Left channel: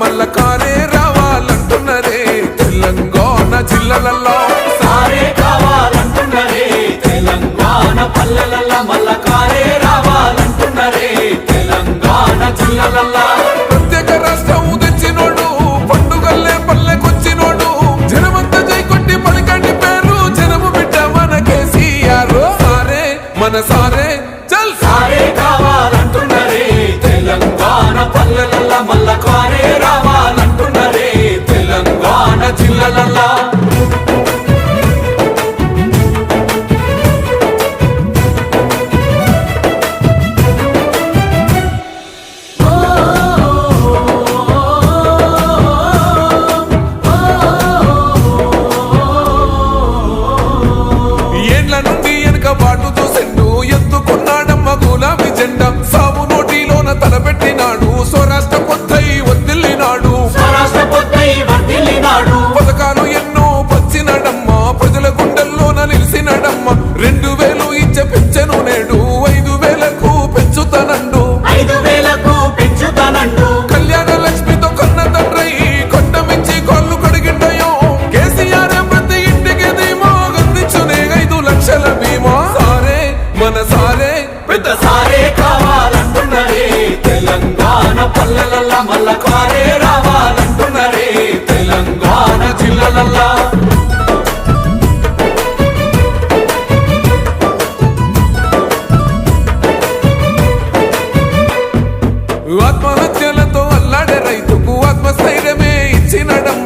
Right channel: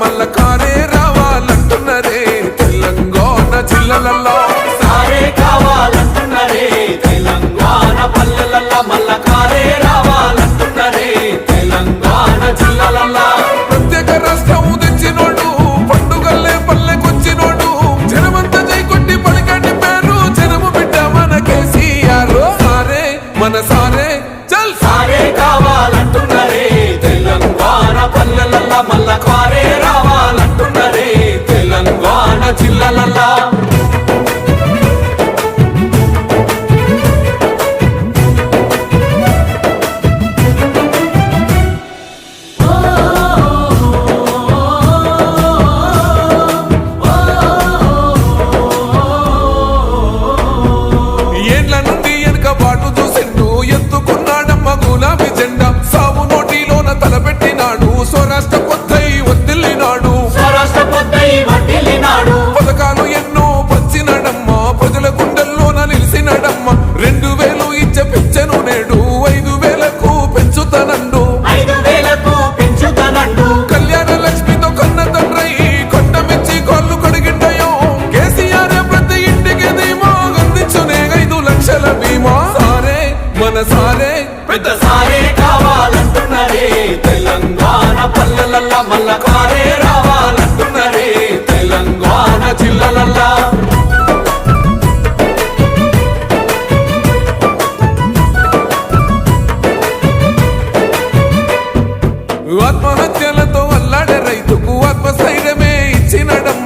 మల్ల కారే రావాలంటున్నరే తెలంగాణ జిల్లాలలో సారే కావాలంటున్నరే తెలంగాణ పల్లెలల్లో మల్ల కారే రావాలంటున్నరే తెలంగాణ జిల్లాలలో ప్రత్యేక రాష్ట్రం తెచ్చినోడు పండుగల్లే పల్లెకొచ్చినోడు జనమంతా జై కొట్టి పలికండి పేరు జనము బిడ్డ మన కేసీఆర్ సారే మన సారే చల్ సారే కావాలంటున్నరే తెలంగాణ పల్లెలల్లో మల్ల కారే రావాలంటున్నరే తెలంగాణ జిల్లాలలో ఏండ్ల నుండి వెనక బాటు చూసిండు ఎత్తుకున్నాడమ్మ గులాబీ జెండా సాగు నోటిలోన తలపెట్టినాడు స్వరాష్ట్ర పొద్దై వర్దిల్లినాడు పథకాలు ఎన్నో పంచినాడమ్మ ప్రజల గుండెల్లోన నిలిసినాడమ్మ 2000 ఇచ్చే పెంచెను నేడు 5000కు పెంచుతానండు కళ్యాణ లక్ష్మితో కన్న తండ్రై కొట్టమిచ్చి కాళ్ళు కడిగిండయో కేసీఆర్ ప్రతి ఇంటికి ధీమా అందించునే 5 లక్షల బీమా సారే మన సారే పెద్ద సారే కావాలంటున్నరే తెలంగాణ పల్లెలల్లో మల్ల కారే రావాలంటున్నరే తెలంగాణ జిల్లాలలో ఆత్మహత్యలతో అల్లాడే రైతుకు ఆత్మస్థైర్యమే ఇచ్చినడమ్మ